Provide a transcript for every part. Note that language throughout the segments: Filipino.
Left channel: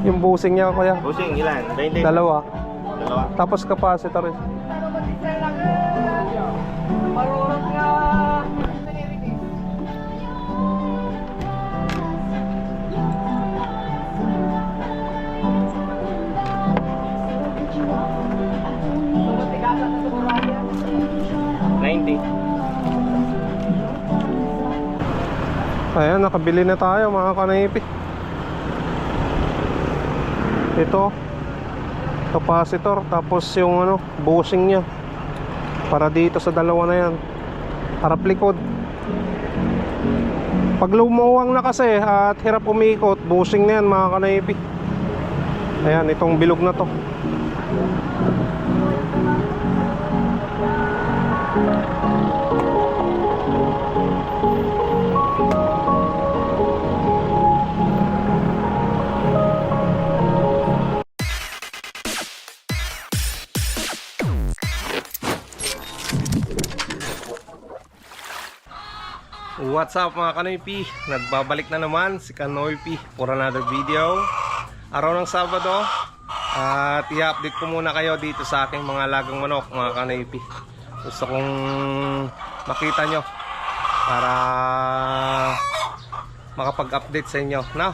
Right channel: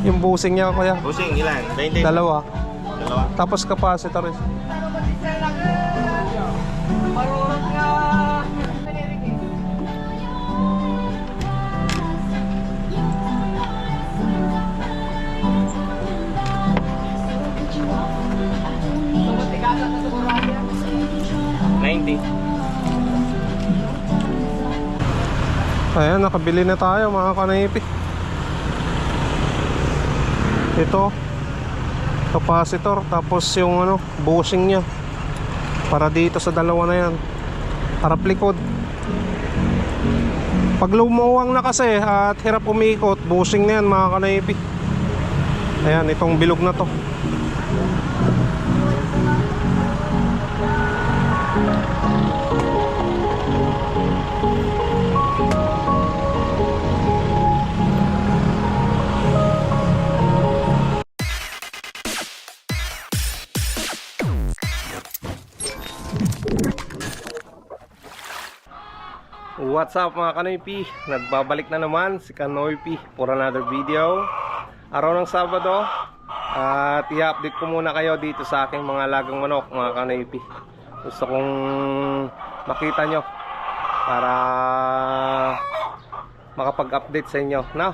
Yung busing niya kuya. Busing ilan? 20? Dalawa. Dalawa. Tapos capacitor. Ayan, nakabili na tayo mga kanaypi. Ito capacitor, tapos yung ano, bushing nya para dito sa dalawa na yan, harap likod. Pag lumuwang na kasi at hirap umikot, bushing na yan mga kanaypi. Ayan, itong bilog na to. What's up mga Kanoypi? Nagbabalik na naman si Kanoypi for another video. Araw ng Sabado. At i-update ko muna kayo dito sa aking mga alagang manok mga Kanoypi. Gusto kong makita nyo para makapag-update sa inyo, no?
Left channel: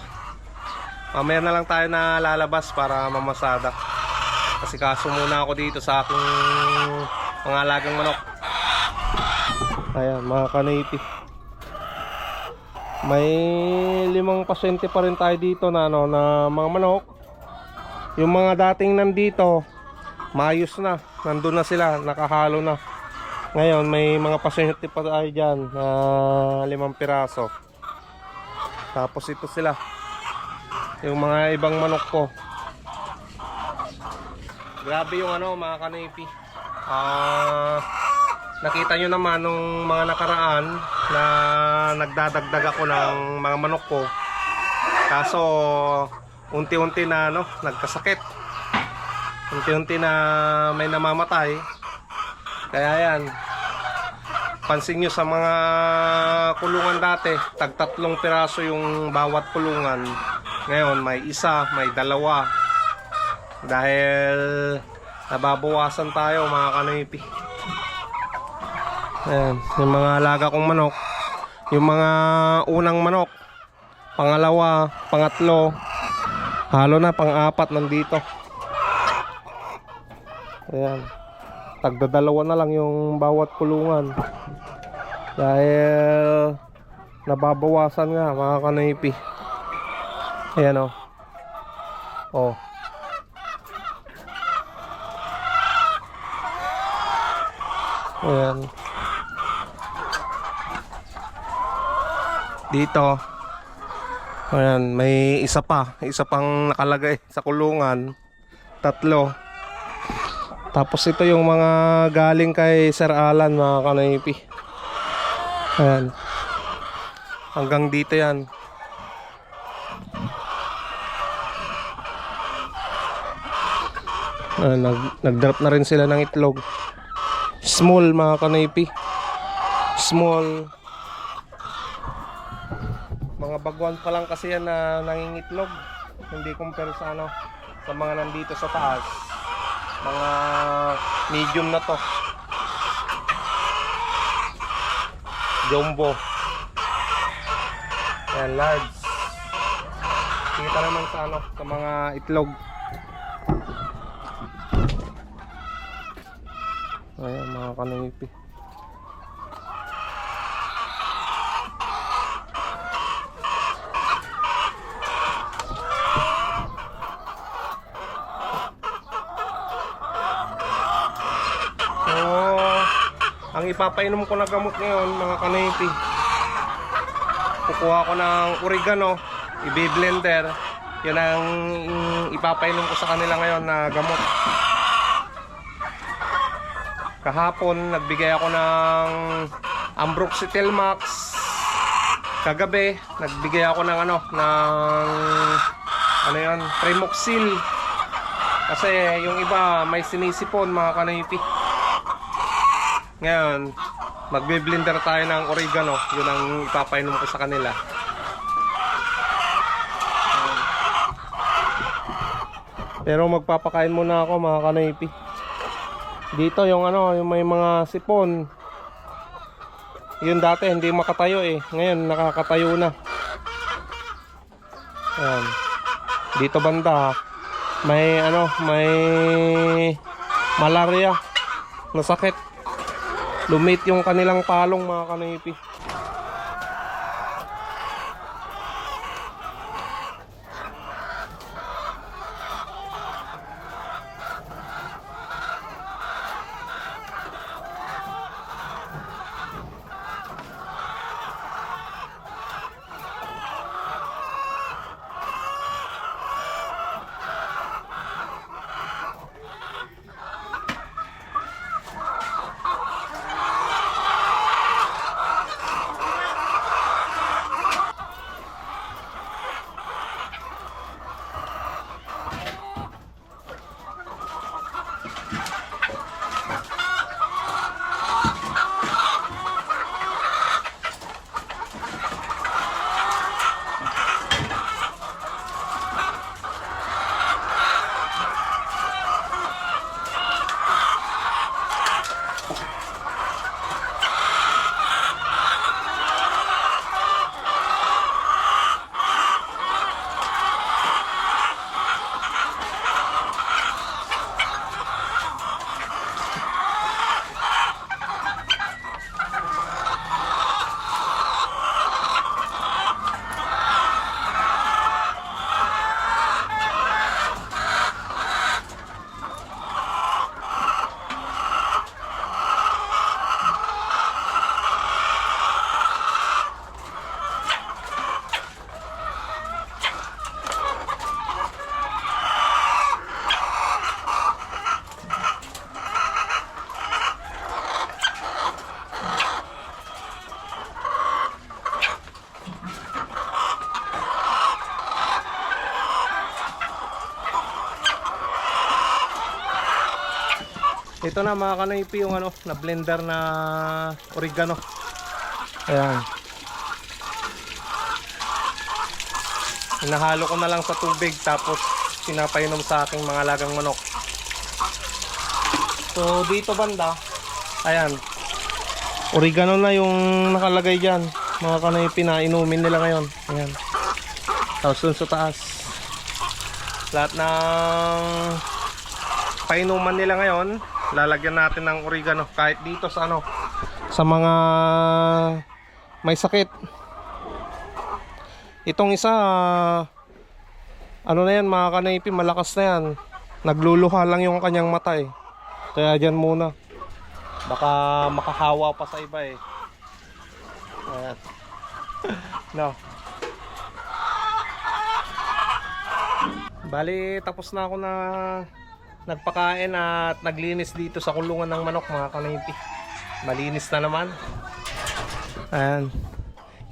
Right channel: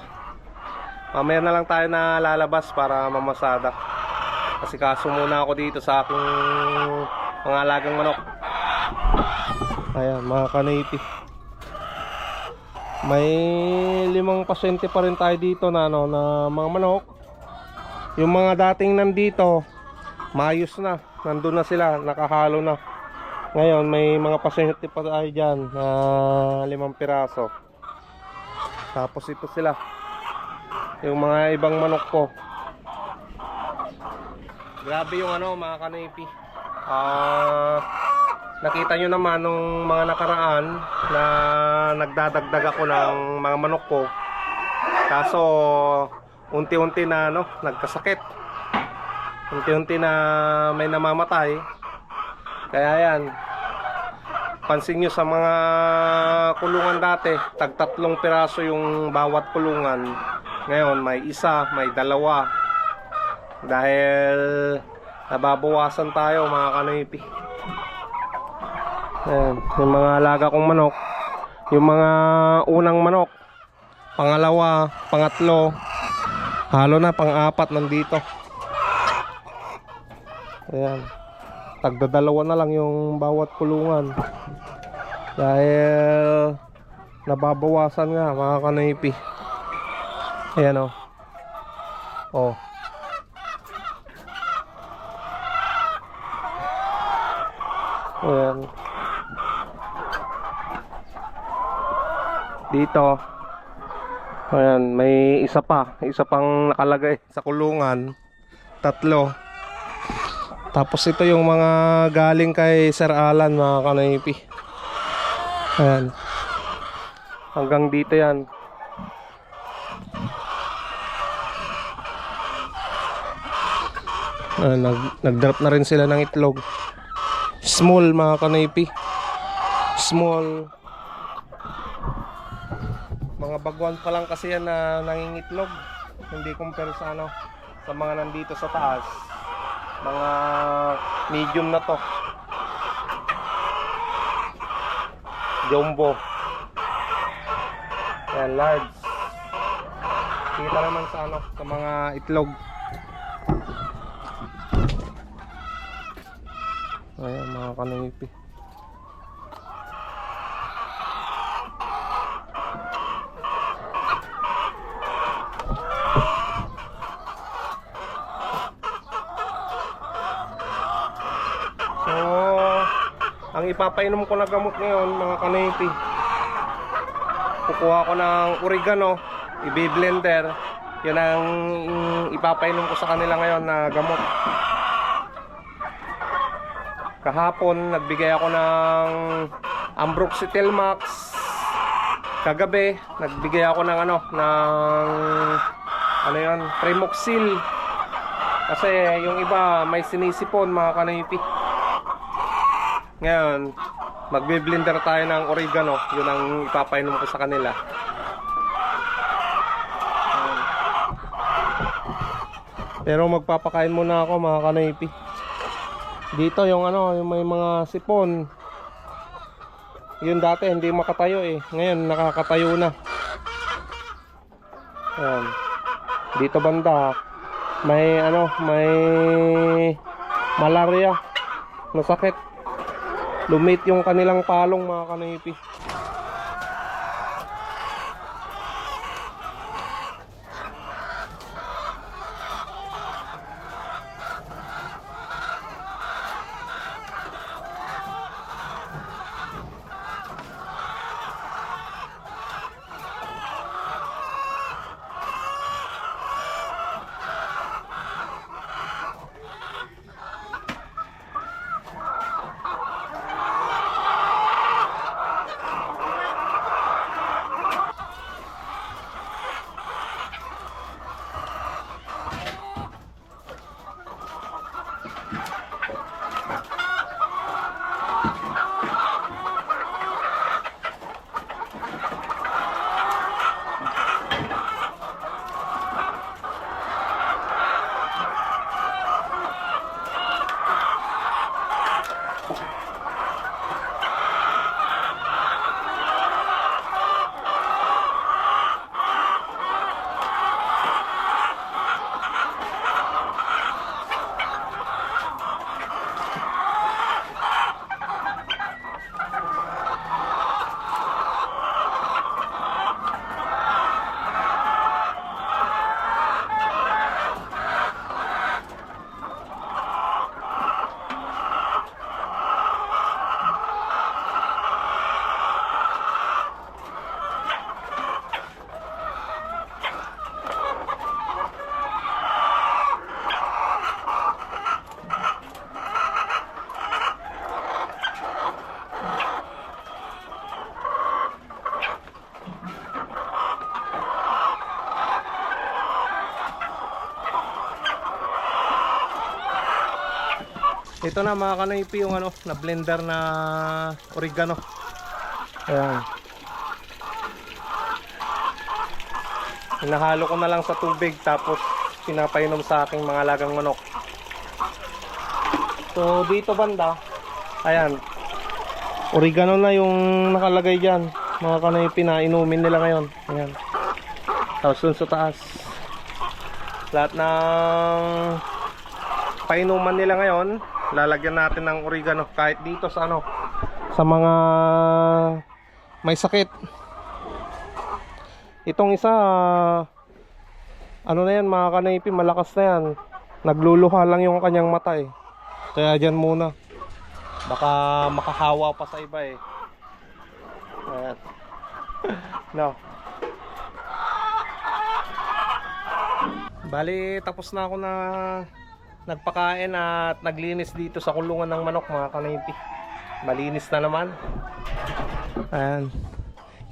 Mamaya na lang tayo na lalabas para mamasada. Kasi kaso muna ako dito sa aking mga alagang manok. Ayan mga Kanoypi, may 5 pasyente pa rin tayo dito na ano, na mga manok. Yung mga dating nandito maayos na, nandun na sila, nakahalo na. Ngayon may mga pasyente pa tayo dyan na 5 piraso. Tapos ito sila, yung mga ibang manok ko. Grabe yung ano mga Kanoypi. Nakita nyo naman nung mga nakaraan na nagdadagdag ako ng mga manok ko. Kaso unti-unti na ano, nagkasakit. Unti-unti na may namamatay. Kaya yan, pansin nyo sa mga kulungan dati, tag-3 piraso yung bawat kulungan. Ngayon may 1, may 2. Dahil nababawasan tayo mga Kanoypi. Ayan, yung mga alaga kong manok, yung mga unang manok, pangalawa, pangatlo, halo na, pang-4 nandito. Ayan, tagdadalawa na lang yung bawat kulungan dahil nababawasan nga mga Kanoypi. Ayan o. Oh. Ayan. Dito, ayan, may isa pang nakalagay sa kulungan, 3. Tapos ito yung mga galing kay Sir Alan mga Kanoypi. Ayan, hanggang dito yan. Ayan, nag-drop na rin sila ng itlog. Small mga Kanoypi, small. Mga bagwan pa lang kasi yan na nangingitlog. Hindi compare sa ano, sa mga nandito sa taas. Mga medium na to. Jumbo. Ayan, large. Kita naman sa ano, sa mga itlog. Ayan mga Kanoypi. Ang ipapainom ko na gamot ngayon mga Kanoypi, kukuha ko ng oregano, i-blender. Yun ang ipapainom ko sa kanila ngayon na gamot. Kahapon nagbigay ako ng Ambroxetil Max. Kagabi nagbigay ako ng ano, ng ano yun, Primoxil. Kasi yung iba may sinisipon mga Kanoypi. Ngayon, magbe-blender tayo ng oregano. Yun ang ipapainom ko sa kanila. Pero magpapakain muna ako mga kanipi. Dito yung ano, yung may mga sipon. Yun dati hindi makatayo eh. Ngayon nakakatayo na. Ayan. Dito banda may ano, may malaria na sakit. Lumit yung kanilang palong mga kanipi. Ito na mga kanipi yung ano, na blender na oregano. Ayan. Hinahalo ko na lang sa tubig tapos pinapainom sa aking mga alagang manok. So dito banda, ayan, oregano na yung nakalagay dyan mga kanipi na inumin nila ngayon. Ayan. Tapos dun sa taas, lahat ng painuman nila ngayon lalagyan natin ng oregano. Kahit dito sa ano, sa mga may sakit. Itong isa ano na yan mga kanipi, malakas na yan. Nagluluha lang yung kanyang mata eh. Kaya dyan muna, baka makahawa pa sa iba eh. Ayan. No. Bali tapos na ako na nagpakain at naglinis dito sa kulungan ng manok mga kanipi. Malinis na naman. Ayan.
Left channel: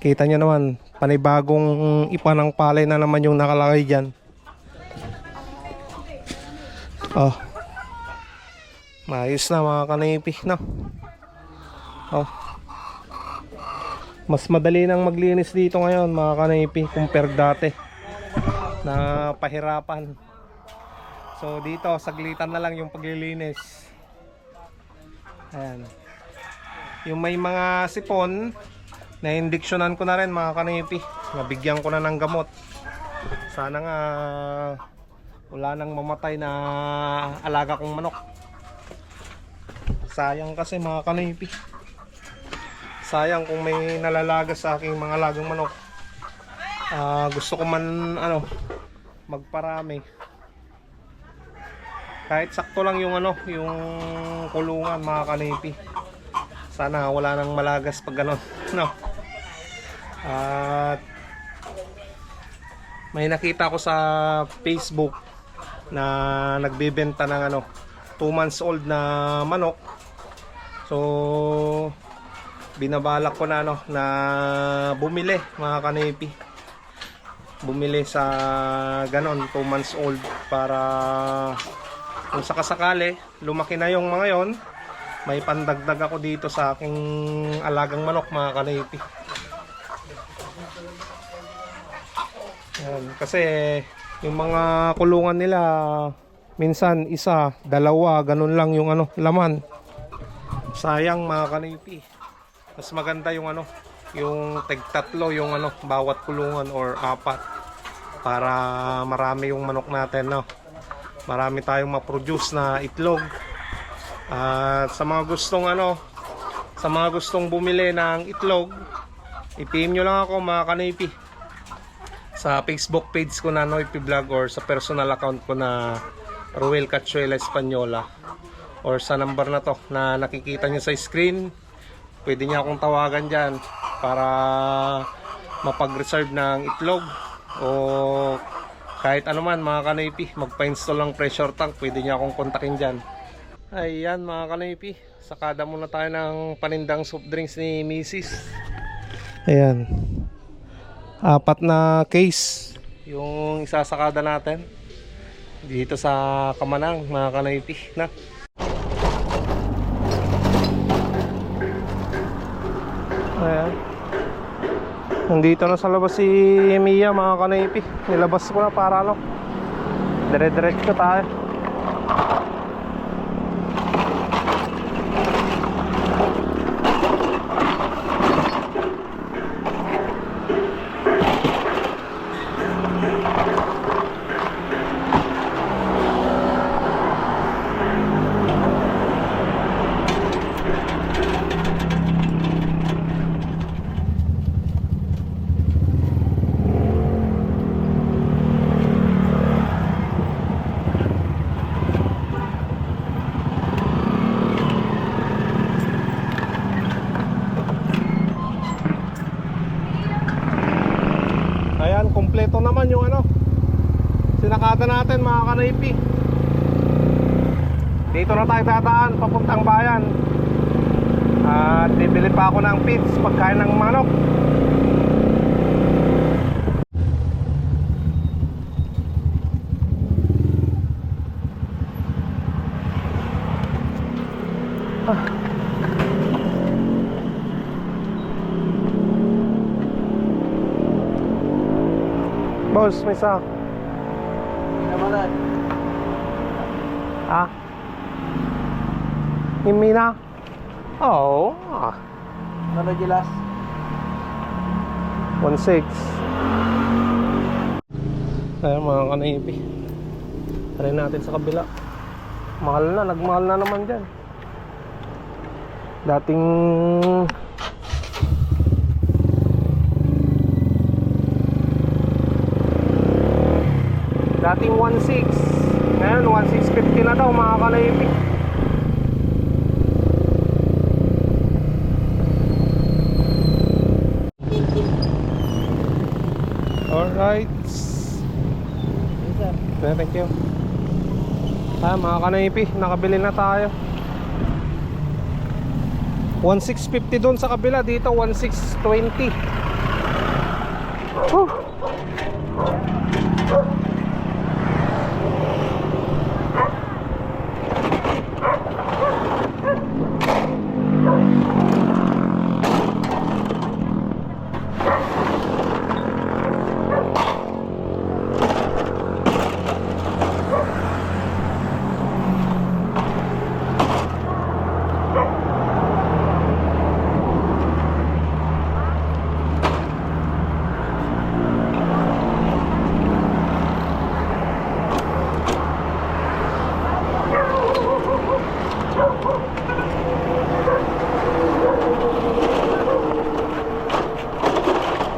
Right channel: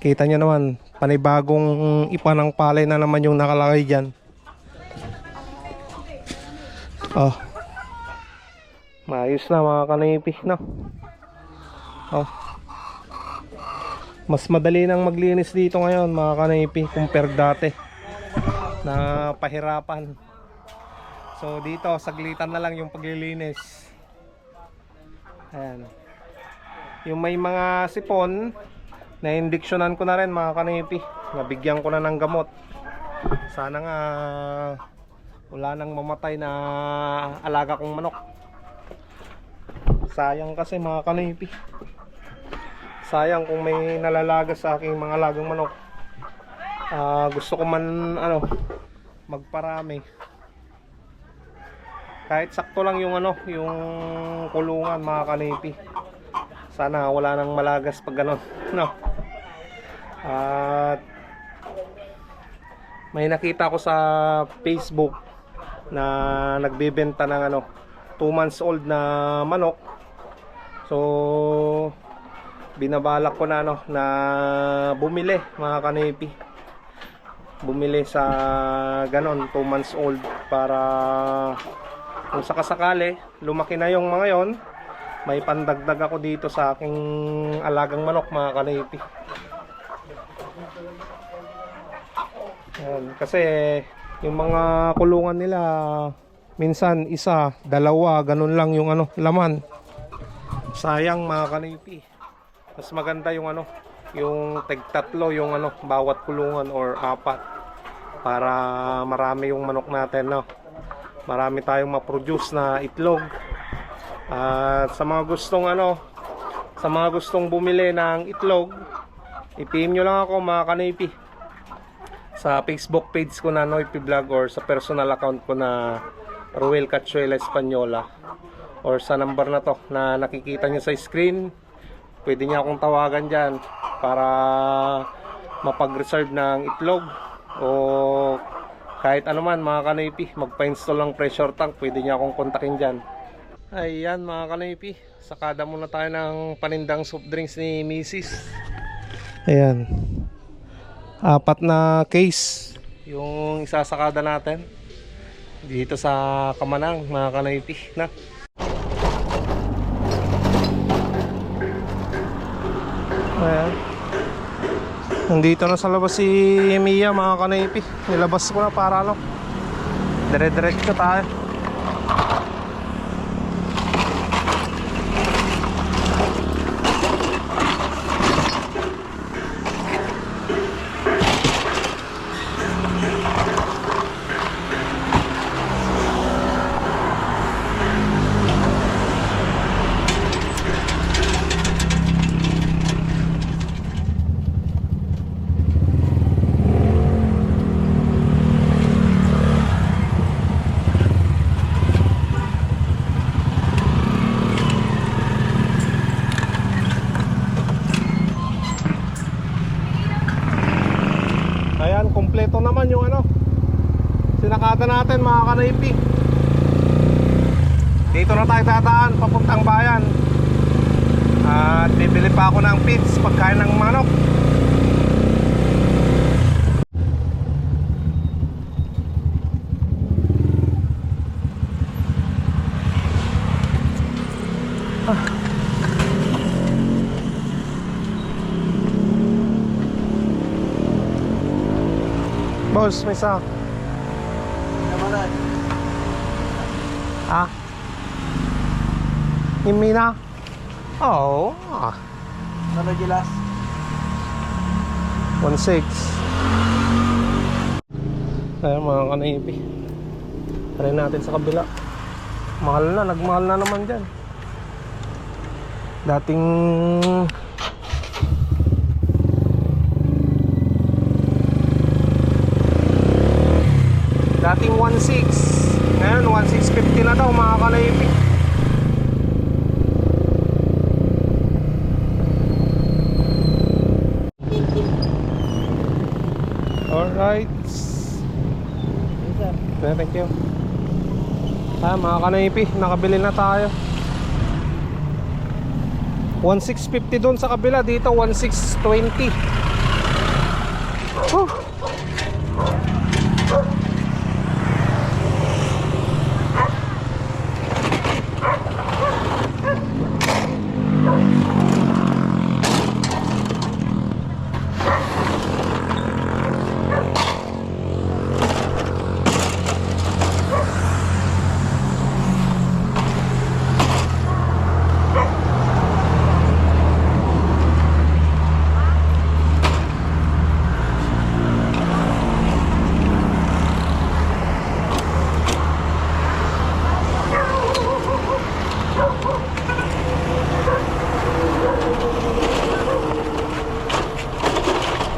Kita nyo naman, panibagong ipa ng palay na naman yung nakalagay dyan. Oh. Maayos na mga kanipi, no? Oh. Mas madali nang maglinis dito ngayon mga kanipi compare dati na pahirapan. So dito saglitan na lang yung paglilinis. Ayan. Yung may mga sipon na indiksyonan ko na rin mga kanipi. Nabigyan ko na ng gamot. Sana nga wala nang mamatay na alaga kong manok. Sayang kasi mga kanipi. Sayang kung may nalalaga sa aking mga alagang manok. Gusto ko man ano, magparami. Kahit sakto lang yung ano, yung kulungan mga kanipi. Sana wala nang malagas pag gano'n, no? At may nakita ko sa Facebook na nagbebenta ng ano, 2 months old na manok. So binabalak ko na ano, na bumili mga kanipi. Bumili sa ganon 2 months old para kung sakasakali lumaki na yung mga yon, may pandagdag ako dito sa aking alagang manok mga kanipi. Ayan, kasi yung mga kulungan nila Minsan isa, dalawa, ganun lang yung ano, laman. Sayang mga kanipi. Mas maganda yung ano, yung tig-tatlo yung ano, bawat kulungan or apat para marami yung manok natin, no. Marami tayong ma-produce na itlog. At sa mga gustong ano, sa mga gustong bumili ng itlog, i-PM nyo lang ako mga kanipi sa Facebook page ko na Noypi Vlog or sa personal account ko na Ruel Cachuela Española or sa number na to na nakikita nyo sa screen. Pwede niya akong tawagan dyan para mapag-reserve ng itlog o kahit ano man mga kanipi, magpa-install ng pressure tank, pwede niya akong kontakin dyan. Ayan mga kanipi, sakada muna tayo ng panindang soft drinks ni Mrs. Ayan, 4 na case yung isasakada natin dito sa Kamanang mga kanipi na. Ayan, nandito na sa labas si Mia mga kanipi. Nilabas ko na para ano, dire-diretso tayo. Ayan, kompleto naman yung ano, sinakata natin mga kanipi. Dito na tayo dadaan papuntang bayan. At bibili pa ako ng feeds, pagkain ng manok. Boss, may sak. Namalan. Ah? Himi na? Oo. Ano gilas? 1.6. Ayan mga kanipi, try natin sa kabila. Mahal na, nagmahal na naman dyan. Dating 1.6, ngayon 1.650 na daw mga kanipi. Alright. Thank you. Mga kanipi, nakabili na tayo. 1.650 doon sa kabila, dito 1.620.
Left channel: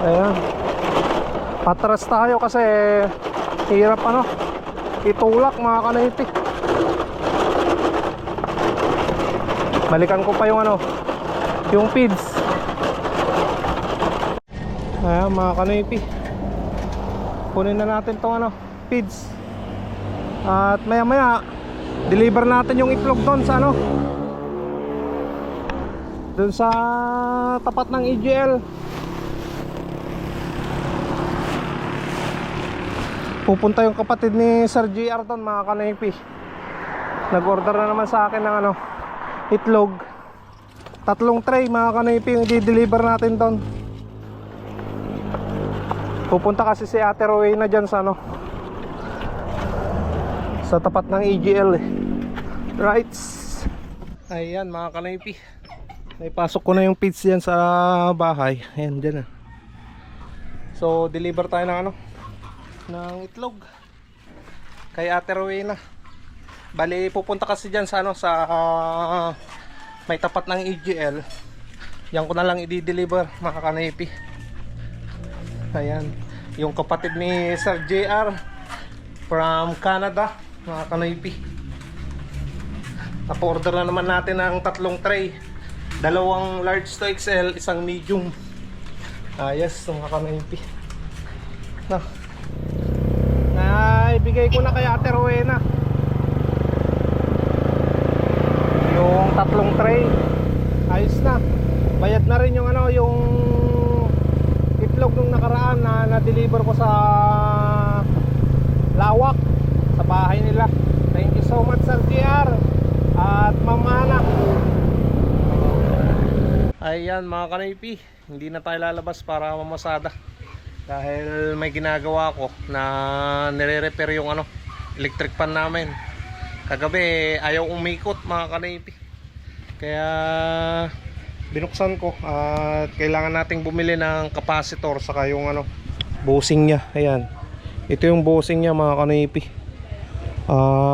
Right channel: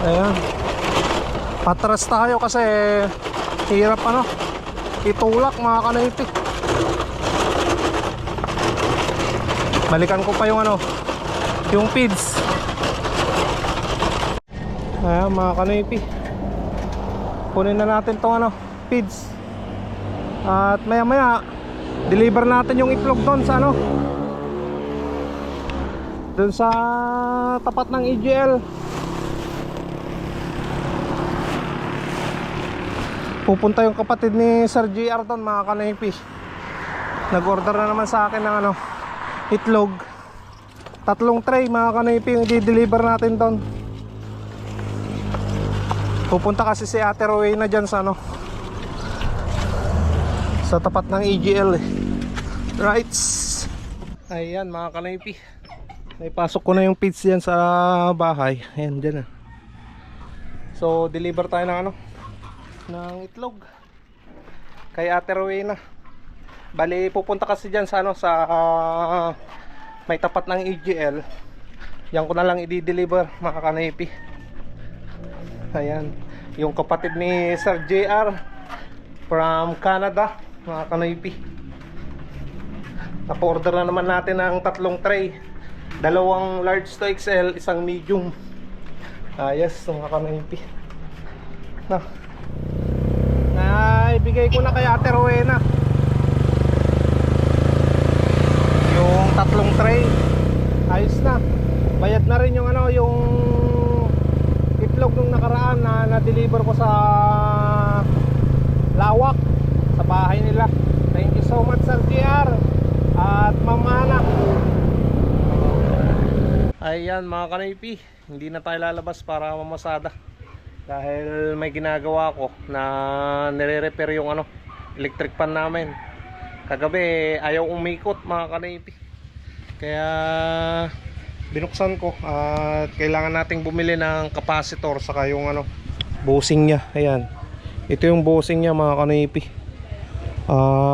Ayan, patras tayo kasi hirap ano, itulak mga kanipi. Balikan ko pa yung ano, yung feeds. Ayan mga kanipi, kunin na natin tong ano, feeds. At maya maya deliver natin yung itlog doon sa ano, doon sa tapat ng EGL. Pupunta yung kapatid ni Sir JR doon mga kanipi. Nag-order na naman sa akin ng ano, itlog. 3 tray mga kanipi yung i-deliver natin doon. Pupunta kasi si Ate Rowena dyan sa ano, Sa tapat ng EGL eh. Right. Ayan mga kanaypi. Naipasok ko na yung feeds yan sa bahay. Ayan dyan ah. So deliver tayo ng ano, ng itlog kay Ate Rowena. Bali pupunta kasi dyan sa ano, sa may tapat ng EGL. Yan ko na lang i-deliver mga kanaypi. Ayan, yung kapatid ni Sir JR from Canada mga kanaypi. Napa-order na naman natin ng 3 tray, 2 large to XL, 1 medium. Yes mga kanaypi. Ibigay ko na kay Ate Rowena yung 3 tray. Ayos na. Bayad na rin yung ano, yung itlog nung nakaraan na na-deliver ko sa Lawak, sa bahay nila. Thank you so much Sir JR at Ma'am Ana. Ayan mga kanaypi, hindi na tayo lalabas para mamasada dahil may ginagawa ko na nire-repair yung ano, electric pan namin. Kagabi ayaw umikot mga kanaypi, kaya binuksan ko at kailangan nating bumili ng capacitor saka yung ano, bushing nya. Ayan, ito yung bushing nya mga kanaypi.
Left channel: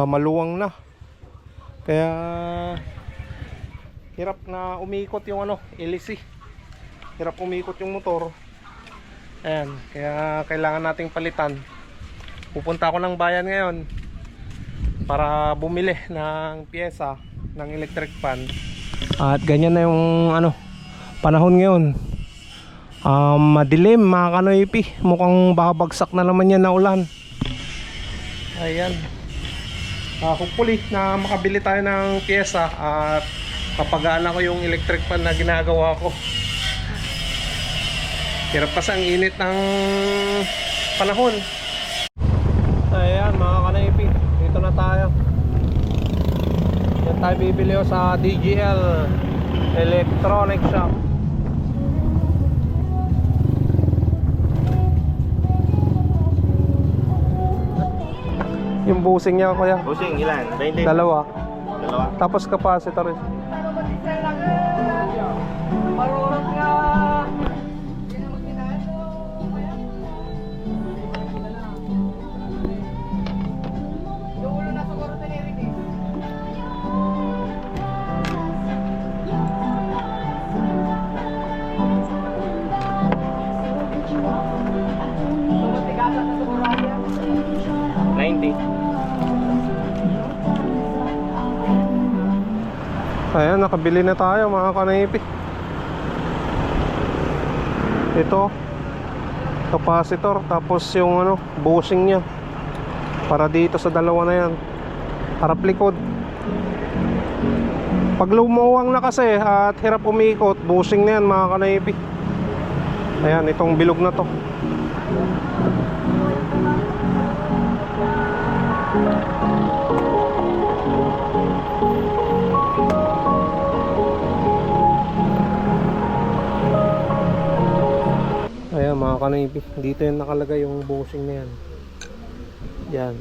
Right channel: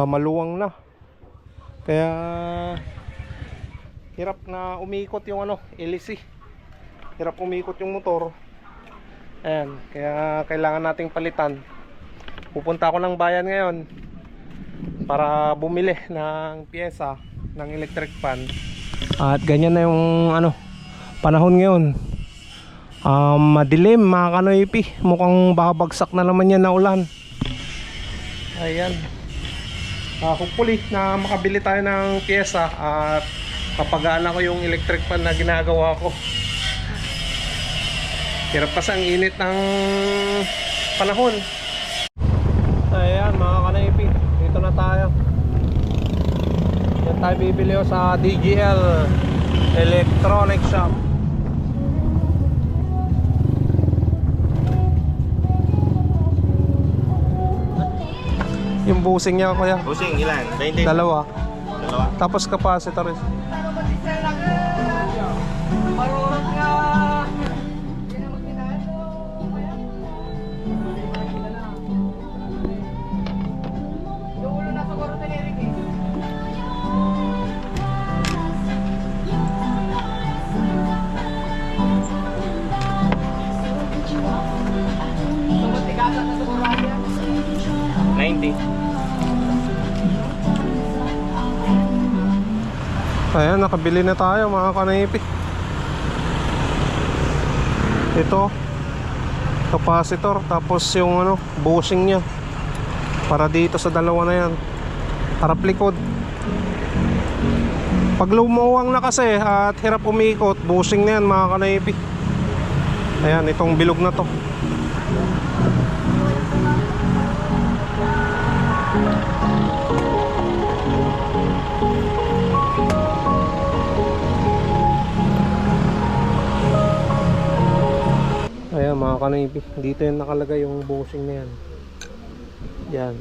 Maluwang na, kaya hirap na umikot yung ano, LC. Hirap umikot yung motor. Ayan, kaya kailangan nating palitan. Pupunta ako ng bayan ngayon para bumili ng pyesa ng electric pan. At ganyan na yung ano, panahon ngayon. Madilim mga kanoypi. Mukhang babagsak na naman yan na ulan. Ayan. Hopefully na makabili tayo ng pyesa at papagaan ako yung electric pan na ginagawa ko. Hirap kasi ang init ng panahon. Ayan mga kanaypi, dito na tayo. Yan tayo bibili sa DGL Electronic Shop. Yung busing niya kuya. Busing, ilan? 20? Dalawa. Dalawa. Tapos capacitor. Ayan, nakabili na tayo mga kanaypi. Ito capacitor, tapos yung ano, bushing nya para dito sa dalawa na yan, harap likod. Pag lumuwang na kasi at hirap umikot, bushing na yan mga kanaypi. Ayan, itong bilog na to. Ayan mga kanaypi, dito yung nakalagay yung bushing na yan. Yan,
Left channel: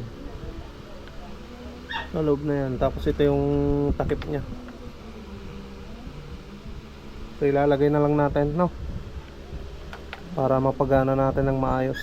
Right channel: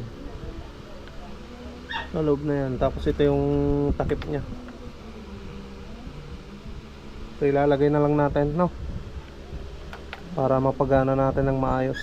sa loob na yan. Tapos ito yung takip nya. So ilalagay na lang natin, no, para mapagana natin ng maayos.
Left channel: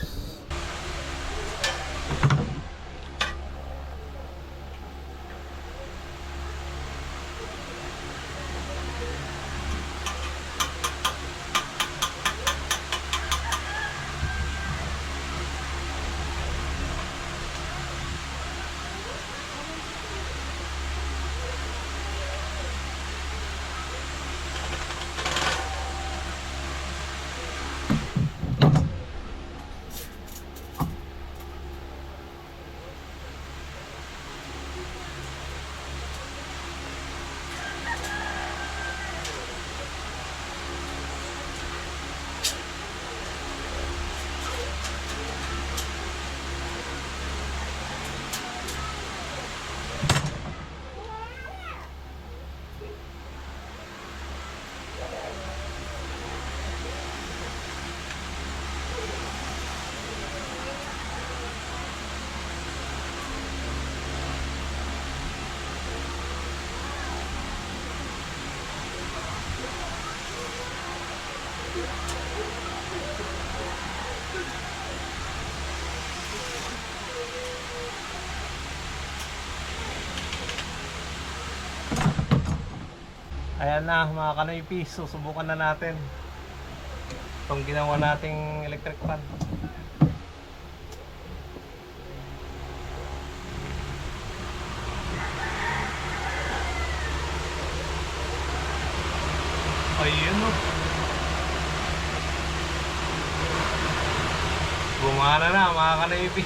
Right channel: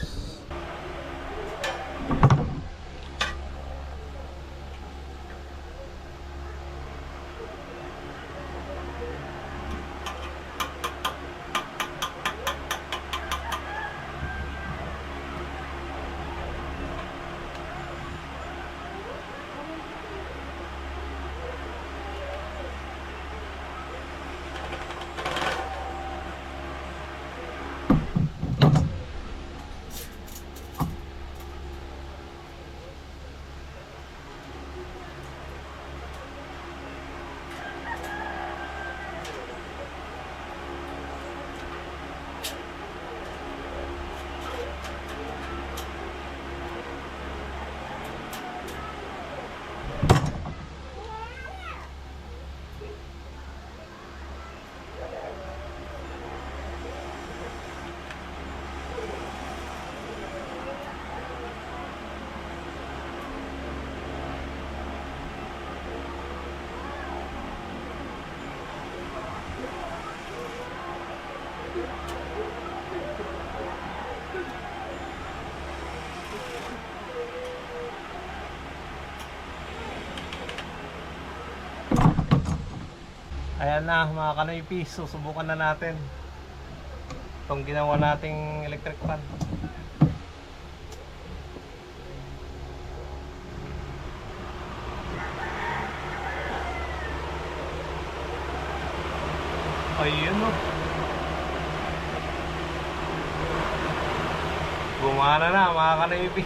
Ayan na mga kanoypi, susubukan na natin itong ginawa nating electric fan. Ayun o, gumana na mga kanoypi.